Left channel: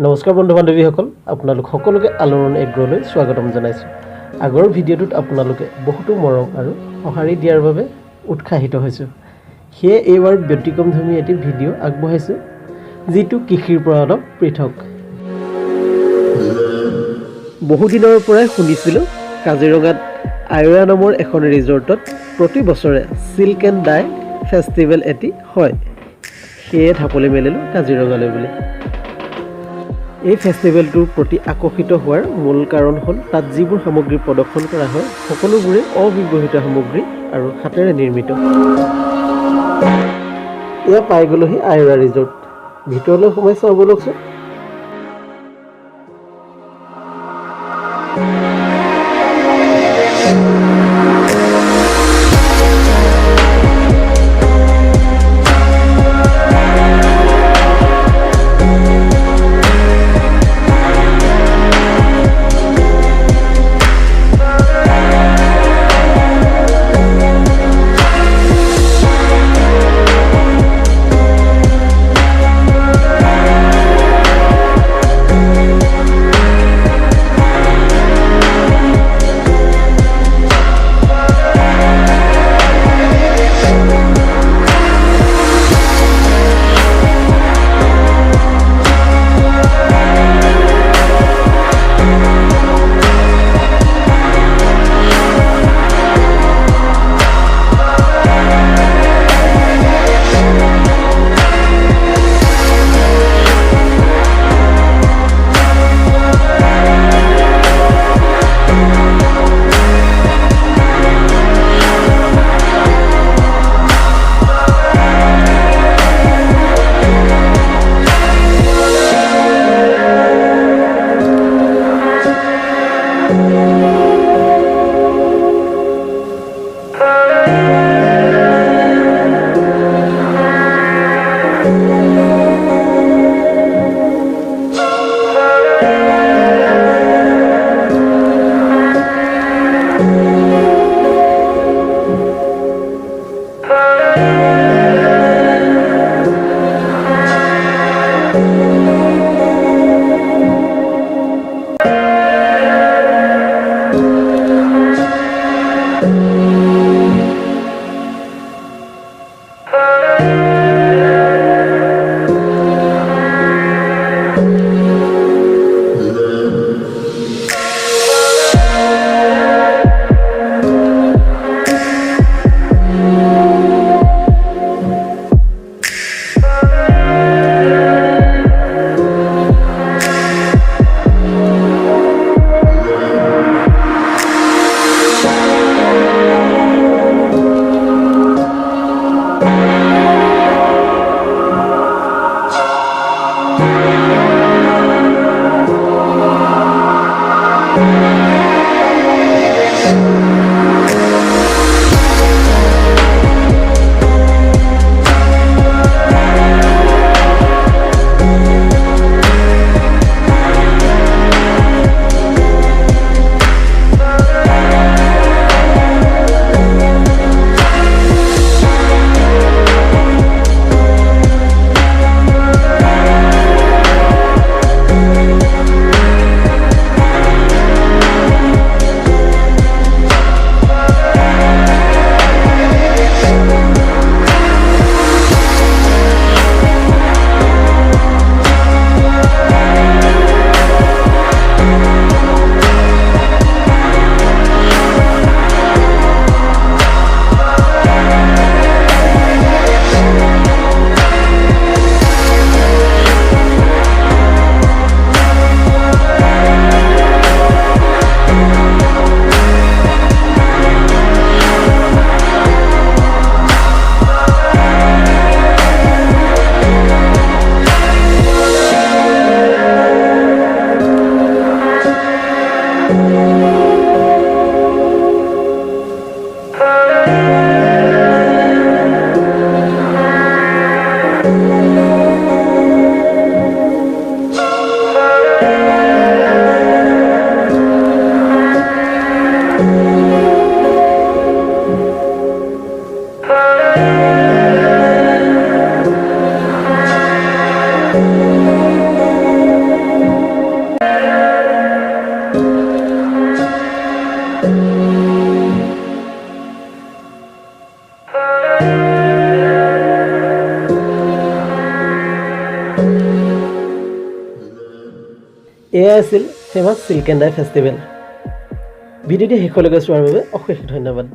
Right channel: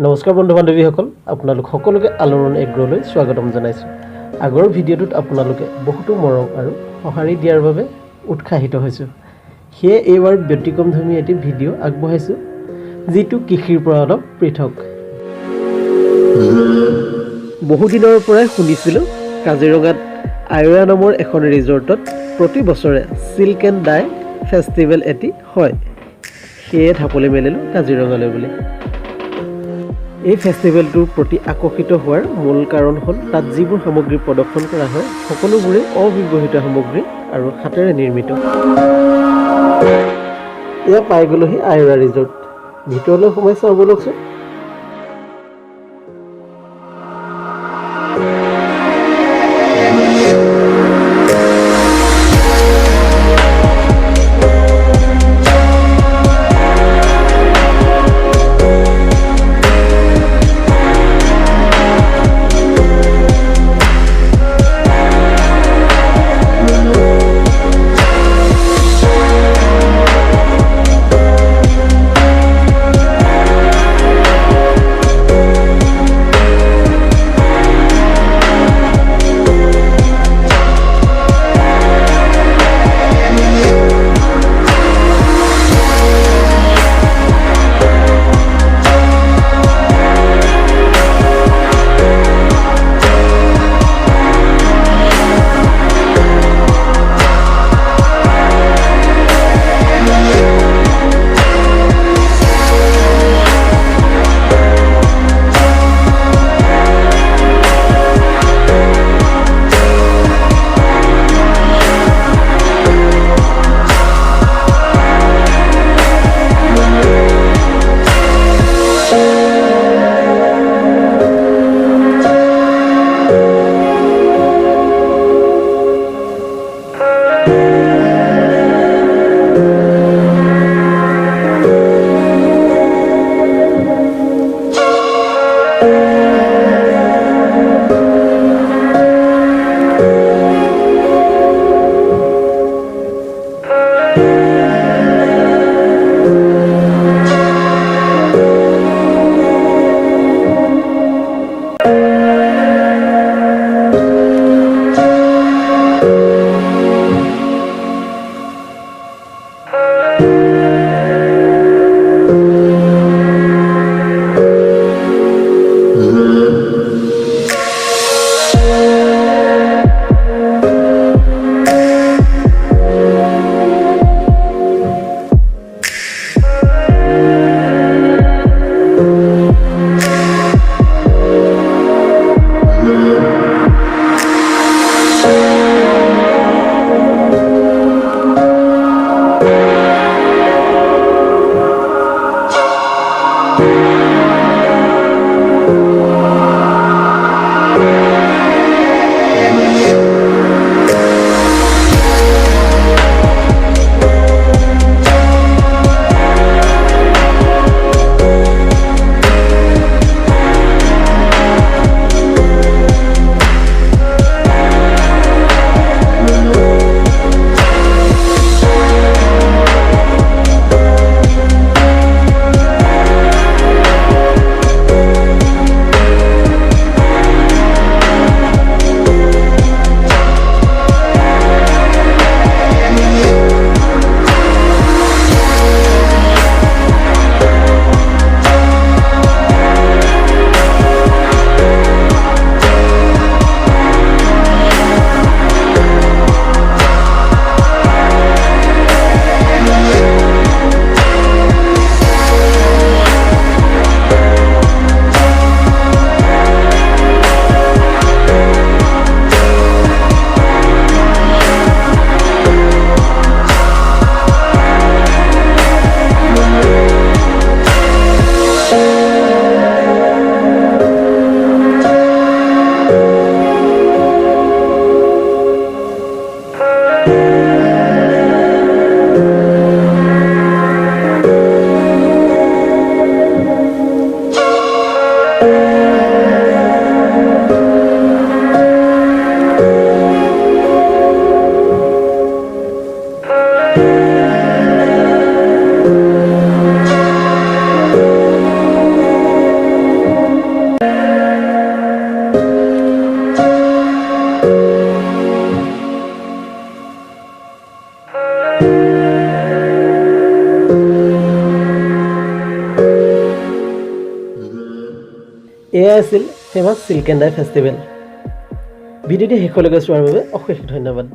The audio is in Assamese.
নমস্কাৰ বন্ধু বান্ধৱীসকল আপোনালোক সকলোকে আলোড়ন এগ্ৰলৈ স্বাগতম জনাইছোঁ আগৰ ভিডিঅ'টোত আপোনালোকে বহুতো মৰম আৰু সঁহাৰি দিয়াৰ বাবে উৎসাহিত হৈছোঁ সেয়ে এইবাৰ ব্যতিক্ৰমধৰ্মী এটি ভিডিঅ' আগবঢ়াইছোঁ যিটো কৃষিৰ পৰা অলপ পৃথক বহুদিনৰ পৰাই শুনিছিলোঁ কাজিৰঙাত আয়োৰা নামৰ এখন ৰিজৰ্টত প্ৰতি বছৰে চিল্ক এণ্ড ডাই ফেষ্টিভেল এটি হয় সেয়ে ঢাপলি মেলিলোঁ কাজিৰঙালৈ বুলি এই ফেষ্টিভেলটোৰ প্ৰতি আকৰ্ষিত হোৱাৰ মূল কাৰণ হ'ল তাত যিবোৰ সামগ্ৰী প্ৰদৰ্শন কৰা হয় সকলোবোৰে অব্যৱহৃত সামগ্ৰী আৰু হাতেৰে নিৰ্মিত এয়া পাই গ'লোহি আয়োৰা ৰিজৰ্ট ভিতৰলৈ সোমাই চাওঁ ব'লকচোন এয়াই আছিল famous silk and dye festival. ভিডিঅ'টি শেষলৈকে চোৱাৰ বাবে অশেষ ধন্যবাদ।